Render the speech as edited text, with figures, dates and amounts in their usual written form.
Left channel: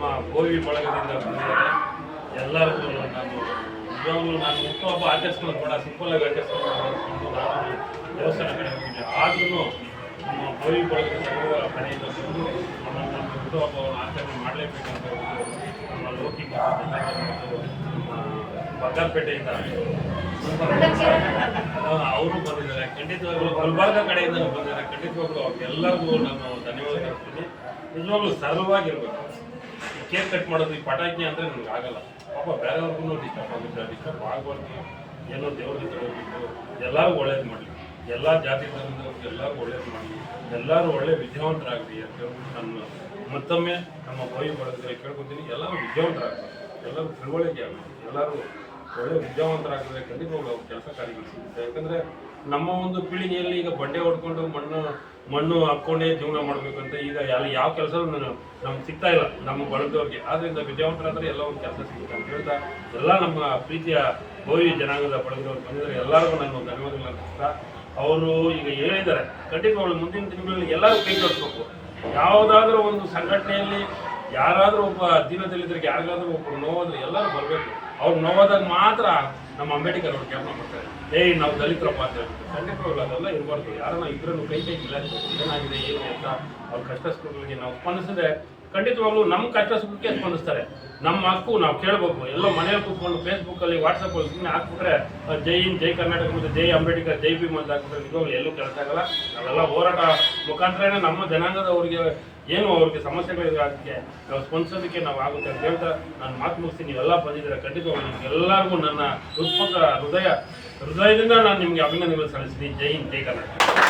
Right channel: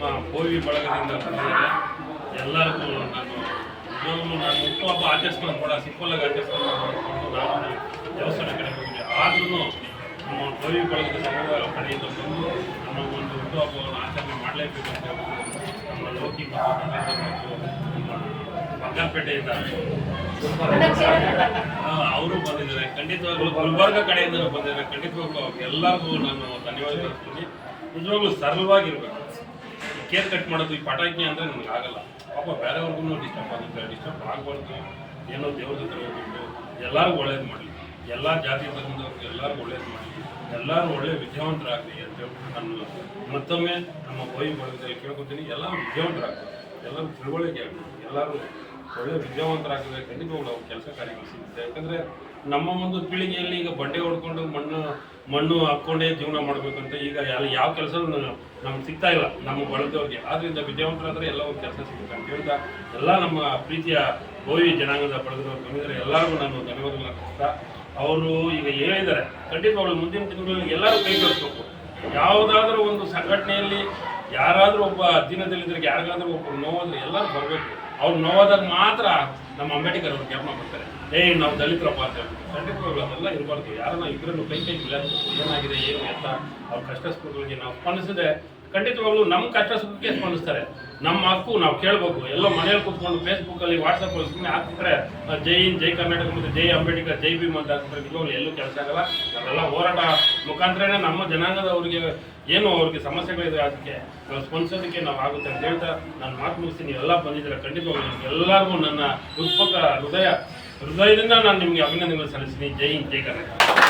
ನಮ್ಮ ಬೋವಿ ಬಳಗದಿಂದ ಬಂದಿದ್ದಾರೆ. ಎಲ್ಲರಿಗೂ ನಾನು ಹುಟ್ಟುಹಬ್ಬ ಆಚರಿಸ್ಕೊಳ್ಳೋದು ಕೂಡ ಸಿಂಪಲ್ಲಾಗಿ ಆಚರಿಸ್ಕೊಂಡು ನಾನು ದೇವಸ್ಥಾನ ಕಡೆ ಹೋಗಿದ್ದೆ. ಆದ್ರೂ ನಮ್ಮ ಬೋವಿ ಬಳಗದ ಸಂಘದ ಕಡೆಯಿಂದ ಬಂದು ನಮ್ಮ ಒಂದು ಹುಟ್ಟುಹಬ್ಬವನ್ನು ಆಚರಣೆ ಮಾಡಲೇಬೇಕಂತ ನಮ್ಮ ಲೋಕಿ ಮತ್ತು ನಮ್ಮ ಬಂಗಾರಪೇಟೆಯಿಂದ ಅವರು ಬಂದಿದ್ದಾರೆ. ಖಂಡಿತವಾಗ್ಲೂ ಗುಲ್ಬರ್ಗ ಕಡೆಯಿಂದ ಬಂದಿದ್ದಾರೆ. ಖಂಡಿತವಾಗ್ಲೂ ಎಲ್ಲರಿಗೂ ನಾನು ಧನ್ಯವಾದ ಹೇಳ್ತೀನಿ. ನಿಜವಾಗ್ಲೂ ಸರಳವಾಗಿರ್ಬೇಕು. ಈ ಕೇಕ್ ಕಟ್ ಮಾಡೋದು, ಈ ಪಟಾಕಿ ಅಂದರೆ ನನಗೆ ಆಗಲ್ಲ. ಪಾಪ ಬೇರೆಯವ್ರಿಗೂ ಡಿಸ್ಟರ್ಬ್ ಆಗುತ್ತೆ. ಡಿಸ್ಟರ್ಬ್ ಆಗಬಾರ್ದು. ಏನೋ ದೇವ್ರ ಹತ್ರ ಹೋಗ್ಬಿಟ್ಟು ಎಲ್ಲರೂ ಒಳ್ಳೇದು ಮಾಡಲಿ, ಎಲ್ಲ ಜಾತಿ ಧರ್ಮದವ್ರಿಗೆ ಎಲ್ಲರಿಗೂ ಒಳ್ಳೇದು ಮಾಡಲಿ, ಎಲ್ಲರೂ ಒಳ್ಳೆ ವಿದ್ಯಾವಂತರಾಗಲಿ ಅಂತ ಹೇಳ್ಬಿಟ್ಟು ನಾನು ಮತ್ತೊಮ್ಮೆ ನಮ್ಮ ಬೋವಿ ಬಳಗದಲ್ಲಿ ಕೇಳ್ಕೊತೀನಿ. ಎಲ್ಲರೂ ವಿದ್ಯಾವಂತರಾಗಲಿ, ಎಲ್ಲರೂ ತಿಳುವಳಿಕೆ ಆಗಲಿ, ಎಲ್ಲರೂ ಒಳ್ಳೆ ವಿದ್ಯಾವಂತರಾಗಿದ್ರೆ ಖಂಡಿತವಾಗ್ಲೂ ಅವ್ರು ಕೆಲಸ ಕಾರ್ಯಗಳು ಸಿಗುತ್ತೆ. ಯಾಕಂದರೆ ನಮ್ಮ ಒಂದು ಪೀಳಿಗೆಯಲ್ಲಿ ಈಗ ಬಂಡೆ ಹೊಡ್ಕೊಂಡು ಮಣ್ಣು ಹಾಕ್ಕೊಂಡೇ ಜೀವನ ಮಾಡಬೇಕಂತ ಈಗ ಅಲ್ಲಿ ಯಾವ ಕೆಲಸ ನಮ್ಗೆ ಸಿಗ್ತಾ ಇಲ್ಲ ನಮ್ಮ ಬಳಗದವ್ರಿಗೆ. ಆದ್ದರಿಂದ ವಿದ್ಯಾವಂತರಾದರೆ ಎಲ್ಲ ಒಂದು ಕೆಲಸ ಸಿಗುತ್ತೆ ಅಂತ ಹೇಳ್ತಾ ಎಲ್ಲ ನಮ್ಮ ಪ್ರೀತಿಯ ಬೋವಿ ಜನಾಂಗದ ಬಳಗದವ್ರು ಬಂದಿದ್ದಾರೆ. ಎಲ್ಲರಿಗೂ ನಾನು ಧನ್ಯವಾದಗಳು ಅರ್ಪಿಸ್ತಾ ಅವರು ಈಗ ಹೇಳಿದ್ದಾರೆ ಖಂಡಿತವಾಗ್ಲೂ ಮುಂದಿನ ದಿನಗಳಲ್ಲಿ ಎಲ್ಲರೂ ಕೈ ಜೋಡಿಸ್ಬೇಕು. ಯಾವುದಾದ್ರೂ ಒಂದು ಸಂಘಟನೆಯಲ್ಲಿ ಯಾರಾದರೂ ಒಬ್ಬ ದೀನದಲ್ಲಿದ್ದರಿಗೆ ಯಾರಿಗಾದ್ರೂ ಒಬ್ಬರು ನೋವಾದ್ರೆ ಎಲ್ಲರೂ ಬರಬೇಕು. ಅವ್ರು ನೋವಾದಾಗ ಮಾತ್ರ ನಮ್ಮ ಅಂಬೇಡ್ಕರ್ ಅವ್ರು ಜ್ಞಾಪನ ಮಾಡ್ತಾರೆ, ನಾವು ದಲಿತರಪ್ಪ ಅಂತ ಹೇಳ್ಬಿಟ್ಟು. ಖಂಡಿತವಾಗ್ಲೂ ಅದೆಲ್ಲ ಇರಬಾರ್ದು. ಯಾರನ್ನ ಇಬ್ಬರನ್ನು ಕೈ ಮಿಲಾಯಿಸ್ಬೇಕು. ಏನಾಗಿದೆ ಏನು ಅಂತ ಅವ್ರ ಕಷ್ಟ ಸುಖಗಳಿಗೆ ನಾವು ಸ್ಪಂದಿಸಿದ್ರೆ ಖಂಡಿತವಾಗ್ಲೂ ನಮ್ಮ ಕಷ್ಟ ಸುಖಕ್ಕೆ ಸ್ಪಂದಿಸ್ತಾರೆ. ನಮ್ಮ ಹಕ್ಕು ನಾವು ಕೇಳಬೇಕು. ಎಲ್ಲೋ ಮನೇಲಿ ಕೂತ್ಕೊಂಡು ಫೇಸ್ಬುಕ್ಕಲ್ಲಿ ವಾಟ್ಸಪ್ಪಲ್ಲಿ ಸುಮ್ಮನೆ ಹಾಕ್ಬಿಟ್ರೆ ಜೈ ಹಿಂದ್, ಜೈ ಕರ್ನಾಟಕ ಮತ್ತು ಜೈ ಅಂಬೇಡ್ಕರ್, ಜೈ ಭೀಮ್ ಅಂತ ಹಾಕ್ಬಿಟ್ರೆ ನಿಜವಾಗ್ಲೂ ಎಲ್ಲೂ ಕೆಲಸ ಆಗಲ್ಲ. ನಾವೆಲ್ಲ ಹೋರಾಟ ಮುಖಾಂತರನೇ ನಮ್ಮ ಜನಾಂಗದವರಿಗೆ ಏನು ಅವ್ರಿಗೆ ಸಮಸ್ಯೆಗಳಿದೆ ಅದಕ್ಕೆ ನಾವು ಸ್ಪಂದಿಸೋದಕ್ಕೆ ನಾವು ಆಗುತ್ತೆ ಅಂತ ಹೇಳ್ತಾ ನಾನು ಮಾತು ಮುಗಿಸ್ತೀನಿ. ನೀವೆಲ್ಲ ಬಂದಿದ್ದೀರಾ. ಖಂಡಿತವಾಗ್ಲೂ ನಿಮ್ಗೆಲ್ಲರಿಗೂ ನನ್ನ ಹೃದಯದಿಂದ ನಾನು ನಿಮಗೆ ಅಭಿನಂದನೆಗಳು ಸಲ್ಲಿಸ್ತೀನಿ. ಜೈ ಹಿಂದ್, ಜೈ ಕರ್ನಾಟಕ.